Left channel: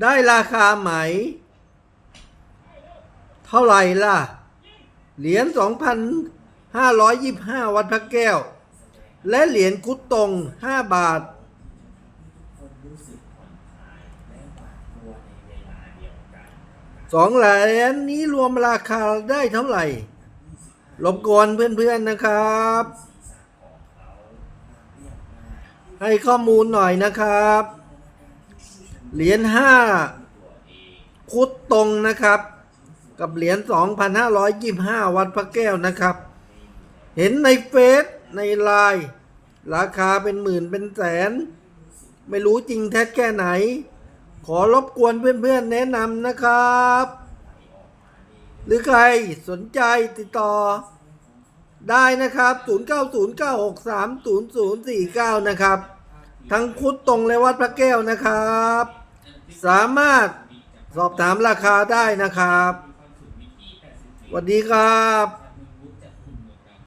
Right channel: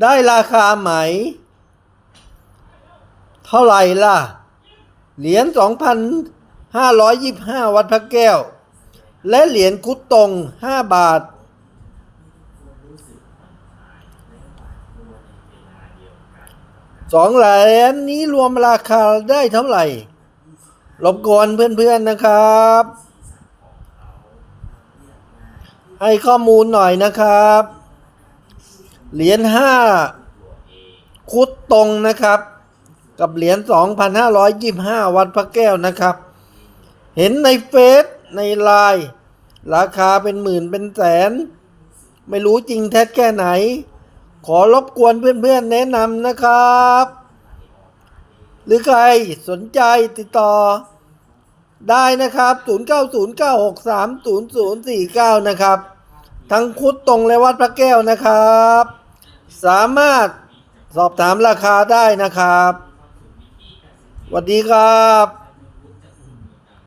ได้ราคาไหม เท่าไหร่ล่ะ เหรียญ 2,525 วัดพระแก้ว และเหรียญคุดตรง 5 บาท สองเหรียญนี้รวมราคาได้เท่าไหร่รบกวนเพื่อนๆนะครับ ให้ข้อมูลหน่อยนะครับ เหรียญห้าคุดตรงนะครับ กับเหรียญ2,525 วัดพระแก้วนะครับ เห็นในเฟซในไลน์ราคาเป็นหมื่นเป็นแสน ไม่รู้จริงแท้แค่ไหน ขอรบกวนเพื่อนๆแนะนำนะครับ หรือใครสนใจติดต่อ ได้นะครับ 0909630049 นะครับ ทั้งคุดตรงและวัดพระแก้วนะครับ สามารถสอบถามราคาได้นะครับสวัสดีครับ